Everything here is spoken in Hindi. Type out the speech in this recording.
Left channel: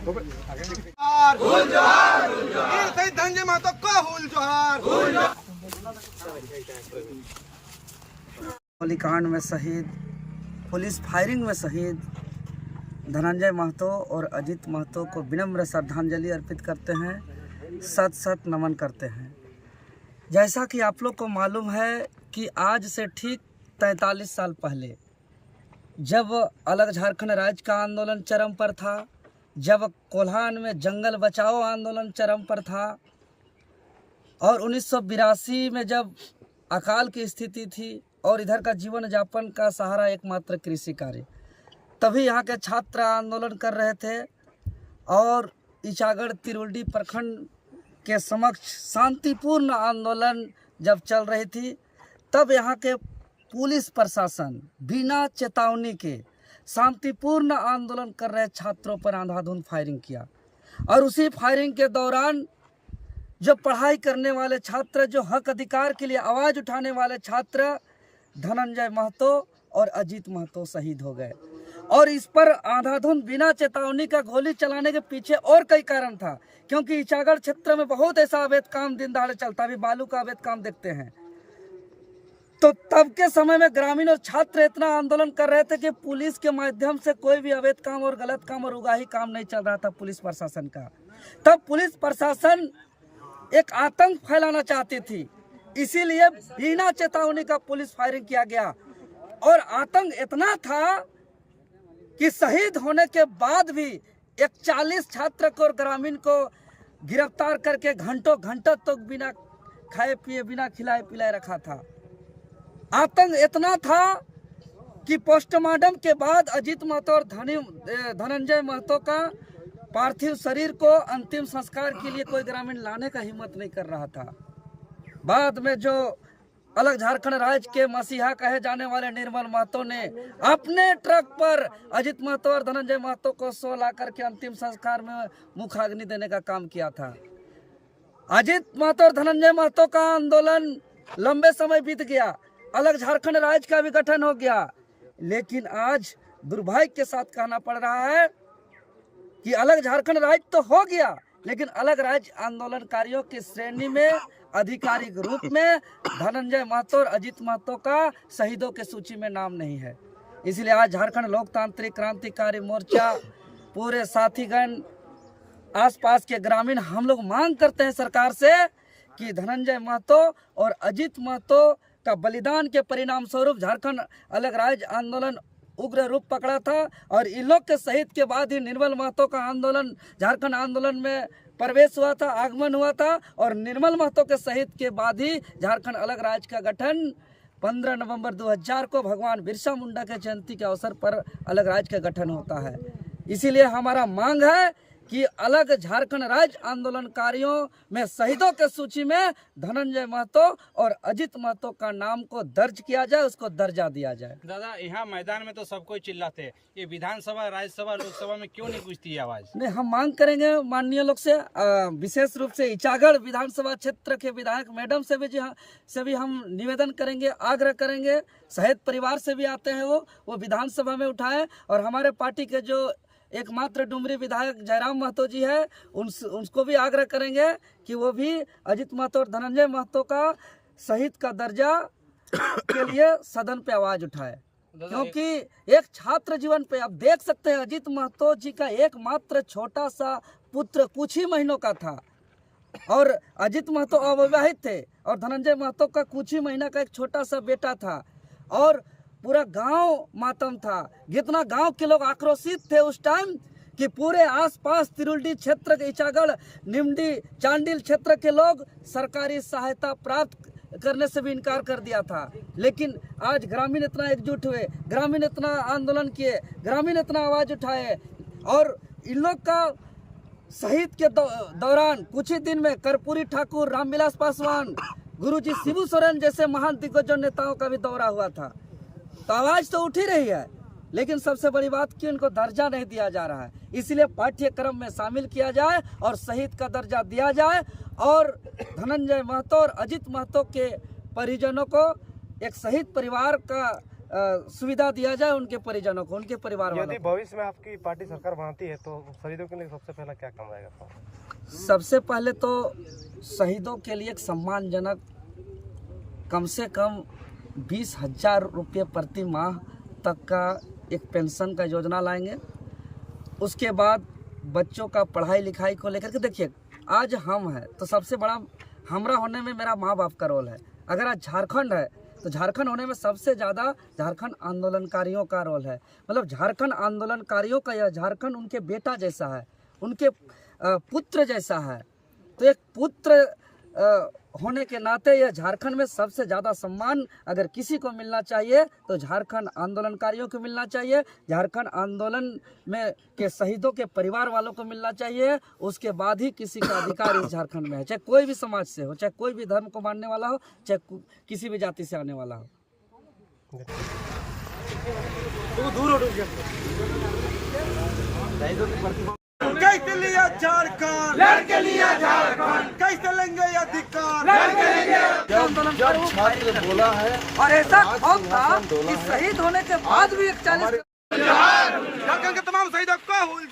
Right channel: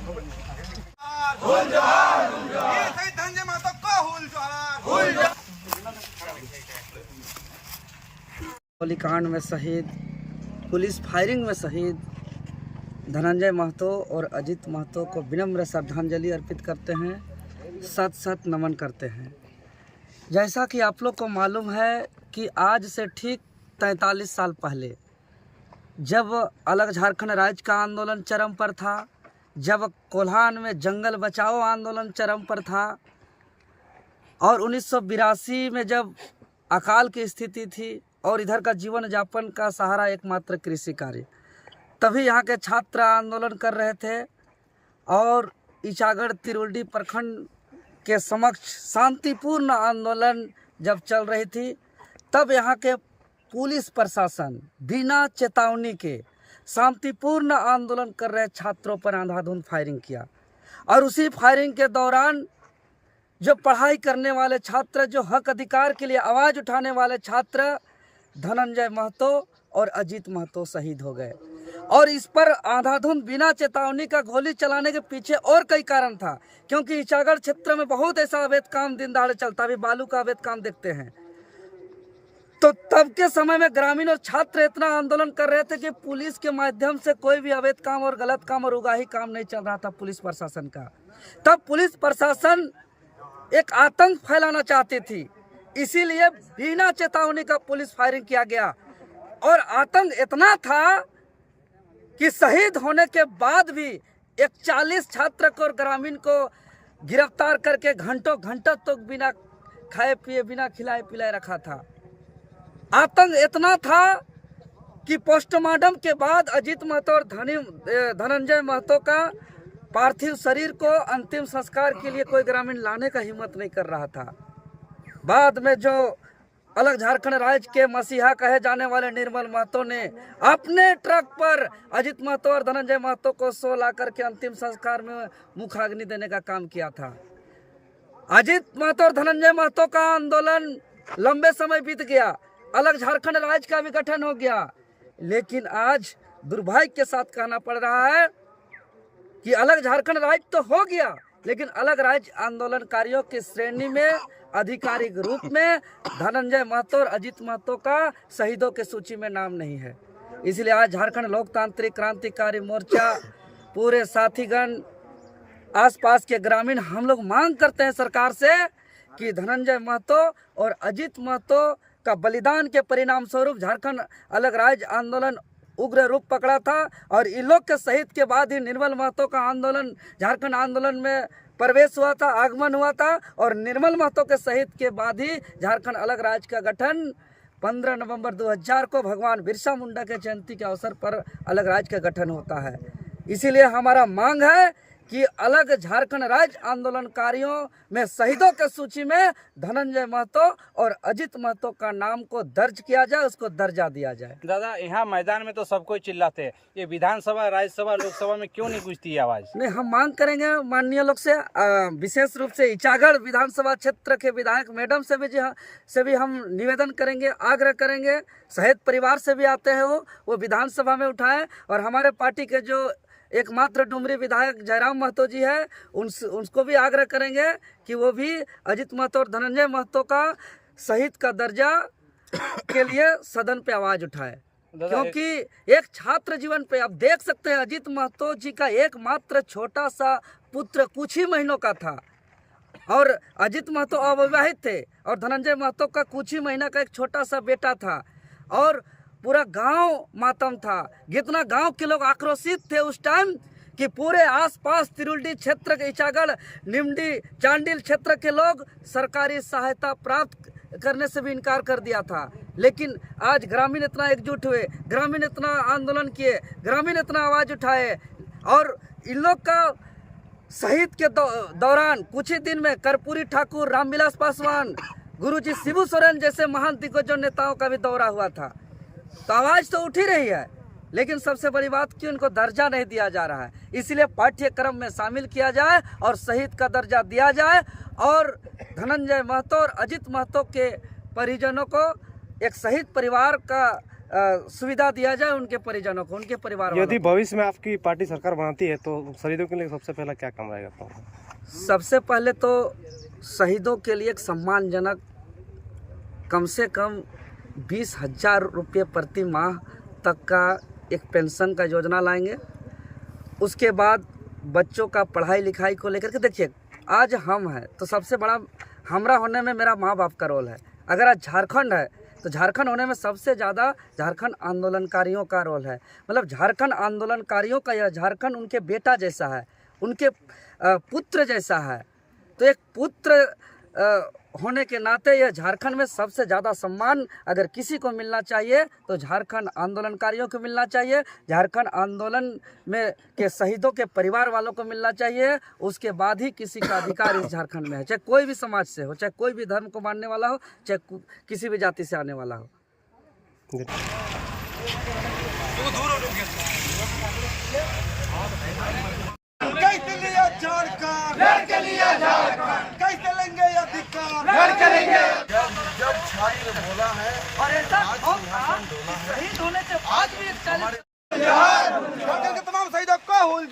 धनंजय महतो को गोलीकांड में शहीद, पुलिस फायरिंग में शहीद धनंजय महतो और अजीत महतो को विनम्र श्रद्धांजलि अर्पित करते हैं, सत सत नमन करते हैं। जैसा कि आप लोग को मालूम है कि आज से ठीक 43 साल पहले जब अलग झारखंड राज्य का आंदोलन चरम पर था, जब कोल्हान में जंगल बचाओ आंदोलन चरम पर था और 1982 में जब अकाल की स्थिति थी और इधर का जीवन यापन का सहारा एकमात्र कृषि कार्य, तभी यहाँ के छात्र आंदोलन कर रहे थे और इचागढ़ तिरुल्डी प्रखंड के समक्ष शांतिपूर्ण आंदोलन जब चल रही थी, तब यहाँ के पुलिस प्रशासन बिना चेतावनी के शांतिपूर्ण आंदोलन कर रहे छात्रों पर अंधाधुंध फायरिंग किया। और उसी फायरिंग के दौरान जो पढ़ाई करने वाले छात्र, जो हक अधिकार के लिए आवाज़ उठाने वाले छात्र धनंजय महतो और अजीत महतो शहीद हो गए। और इस पर अंधाधुंध बिना चेतावनी का गोली चलाने के पीछे और कई कारण था, क्योंकि इचागढ़ क्षेत्र में बहुत ऐसा अवैध काम दिन दहाड़े चलता, अभी बालू का अवैध काम देखते हैं। तो तब के समय में ग्रामीण और छात्र इतना आंदोलन कर रहे थे कि पुलिस के माध्यम से कोई भी अवैध काम और गलत काम और उगाही काम नहीं चल रहा था पुलिस प्रशासन का। तब पुलिस प्रशासन एक आतंक फैलाना चाहती थी, इसीलिए बिना चेतावनी का पुलिस फायरिंग किया गया। और आतंक इतना था कि शहीद होने के बाद भी 41 छात्र को और ग्रामीण को गिरफ्तार करके घंटों तक बिना खाए पिए, बिना खिलाए पिलाए रखा था। आतंक इतना था कि पोस्टमार्टम के बाद अजीत महतो और धनंजय महतो का पार्थिव शरीर को अंतिम संस्कार के लिए कोई ग्रामीण लाने का हिम्मत नहीं कर रहा था। बाद में जो अलग झारखंड राज्य के मसीहा कहे जाने वाले निर्मल महतो ने अपने ट्रक पर अजीत महतो और धनंजय महतो को सो ला करके अंतिम संस्कार में मुखाग्नि देने का काम किया था। अजीत महतो और धनंजय महतो का आंदोलन लंबे समय बीत गया, अलग झारखंड राज्य का भी गठन हो गया, लेकिन आज दुर्भाग्य के साथ कहना पड़ रहा है कि अलग झारखंड राज्य तो हो गया, लेकिन अलग राज्य आंदोलनकारियों की श्रेणी में आधिकारिक रूप में धनंजय महतो और अजीत महतो का शहीदों की सूची में नाम नहीं है। इसलिए आज झारखंड लोकतांत्रिक क्रांतिकारी मोर्चा, पूरे साथीगण, आसपास के ग्रामीण, हम लोग मांग करते हैं सरकार से कि धनंजय महतो और अजीत महतो का बलिदान के परिणाम स्वरूप झारखंड अलग राज्य आंदोलन उग्र रूप पकड़ा था और इन लोग के शहीद के बाद ही निर्मल महतो का आंदोलन झारखंड आंदोलन में प्रवेश हुआ था, आगमन हुआ था। और निर्मल महतो के शहीद के बाद ही झारखंड अलग राज्य का गठन 15 नवंबर 2000 को भगवान बिरसा मुंडा के जयंती के अवसर पर अलग राज्य का गठन होता है। इसीलिए हमारा मांग है कि अलग झारखंड राज्य आंदोलनकारियों में शहीदों के सूची में धनंजय महतो और अजीत महतो का नाम को दर्ज किया जाए, उसको दर्जा दिया जाए। दादा, यहाँ मैदान में तो सब कोई चिल्लाते हैं, ये विधानसभा, राज्यसभा, लोकसभा में क्यों नहीं पूछती आवाज? नहीं, हम मांग करेंगे माननीय लोग से, विशेष रूप से इचागढ़ विधानसभा क्षेत्र के विधायक मैडम से भी हम निवेदन करेंगे, आग्रह करेंगे। शहीद परिवार से भी आते हैं, वो विधानसभा में उठाएं। और हमारे पार्टी के जो एकमात्र डुमरी विधायक जयराम महतो जी है, उनको भी आग्रह करेंगे कि वो भी अजीत महतो और धनंजय महतो का शहीद का दर्जा के लिए सदन पे आवाज उठाए। क्योंकि एक छात्र जीवन पे आप देख सकते हैं, अजीत महतो जी का एकमात्र छोटा सा पुत्र कुछ ही महीनों का था और अजीत महतो अविवाहित थे और धनंजय महतो का कुछ ही महीना का एक छोटा सा बेटा था और पूरा गांव मातम था। जितना गांव के लोग आक्रोशित थे उस टाइम कि पूरे आसपास तिरुल्डी क्षेत्र के, इचागढ़, निमडी, चांडिल क्षेत्र के लोग सरकारी सहायता प्राप्त करने से भी इनकार कर दिया था। लेकिन आज ग्रामीण इतना एकजुट हुए, ग्रामीण इतना आंदोलन किए, ग्रामीण इतना आवाज उठाए और इन लोग का शहीद के दौरान कुछ ही दिन में कर्पूरी ठाकुर, रामविलास पासवान, गुरुजी शिबू सोरेन जैसे महान दिग्गजों नेताओं का भी दौरा हुआ था। तो आवाज तो उठ ही रही है, लेकिन सबसे बड़ी बात कि उनको दर्जा नहीं दिया जा रहा है। इसलिए पाठ्यक्रम में शामिल किया जाए और शहीद का दर्जा दिया जाए और धनंजय महतो और अजीत महतो के परिजनों को एक शहीद परिवार का सुविधा दिया जाए उनके परिजनों को, उनके परिवार वालों यदि को। भविष्य में आपकी पार्टी सरकार बनाती है तो शहीदों के लिए सबसे पहला क्या काम आएगा? तो सबसे पहले तो शहीदों के लिए एक सम्मानजनक कम से कम 20,000 रुपये प्रति माह तक का एक पेंशन का योजना लाएंगे। उसके बाद बच्चों का पढ़ाई लिखाई को लेकर के, देखिए आज हम हैं तो सबसे बड़ा हमरा होने में मेरा माँ बाप का रोल है। अगर आज झारखंड है तो झारखंड होने में सबसे ज़्यादा झारखंड आंदोलनकारियों का रोल है। मतलब झारखंड आंदोलनकारियों का यह झारखंड उनके बेटा जैसा है, उनके पुत्र जैसा है। तो एक पुत्र होने के नाते यह झारखंड में सबसे ज़्यादा सम्मान अगर किसी को मिलना चाहिए तो झारखंड आंदोलनकारियों को मिलना चाहिए, झारखंड आंदोलन में के शहीदों के परिवार वालों को मिलना चाहिए। उसके बाद ही किसी का अधिकार इस झारखंड में है, चाहे कोई भी समाज से हो, चाहे कोई भी धर्म को मानने वाला हो, चाहे किसी भी जाति से आने वाला हो। कैसे लिया झारखंड, कैसे लेंगे अधिकार, बोला है। और ऐसा कौन था कि शहीद होने के बाद भी 41 झारखंड के तमाम शहीदों को हुल